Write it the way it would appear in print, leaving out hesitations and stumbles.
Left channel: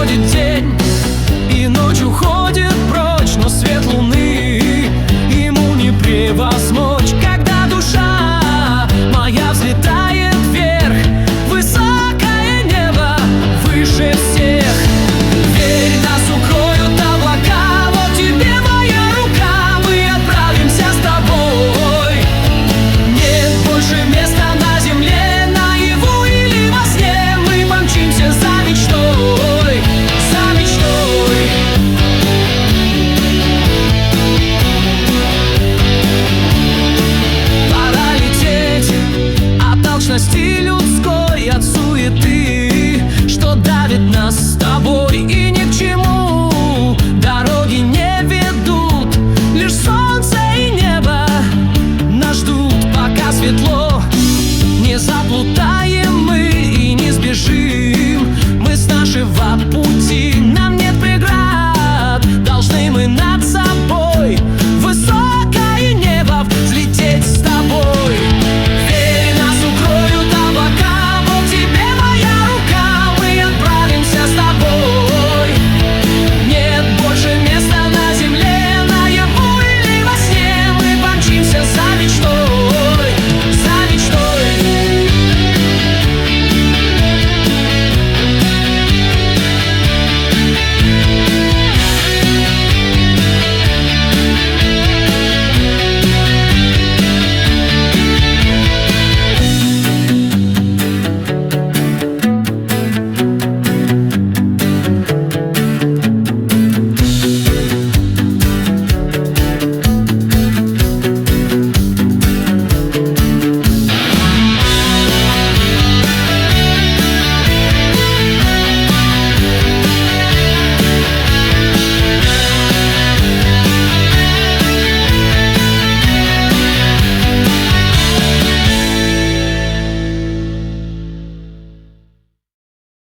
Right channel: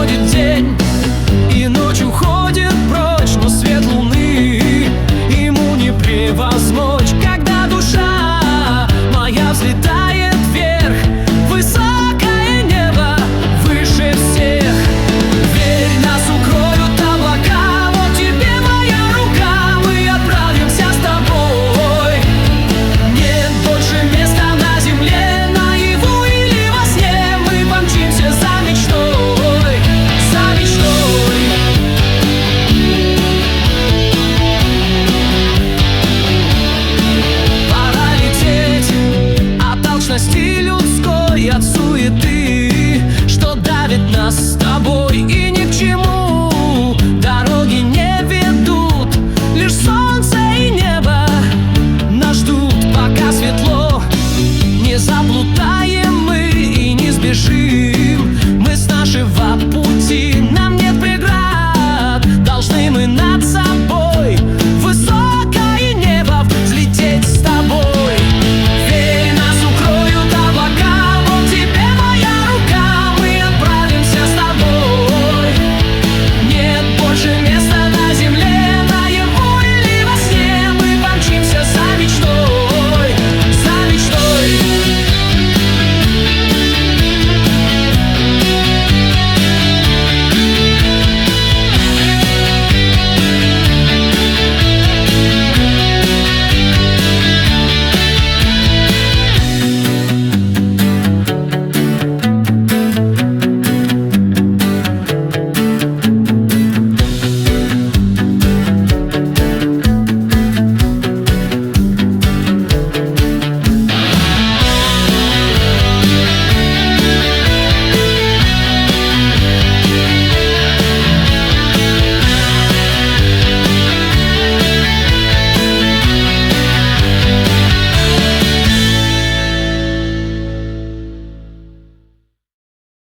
Проходит день, и ночь уходит прочь, но свет луны ему не превозмочь. Когда душа моя взлетает вверх, высокое небо выше всех. Верь, нас укроют облака, вот тебе моя рука, мы отправимся с тобой. Нет больше места на земле, наяву или во сне, мы помчимся за мечтой, за мечтой. Пора лететь от алчности людской, от суеты, что давит нас с тобой. И ни к чему дороги не ведут, лишь солнце и небо нас ждут. Пока светло, не заплутаем мы и не сбежим мы с нашего пути.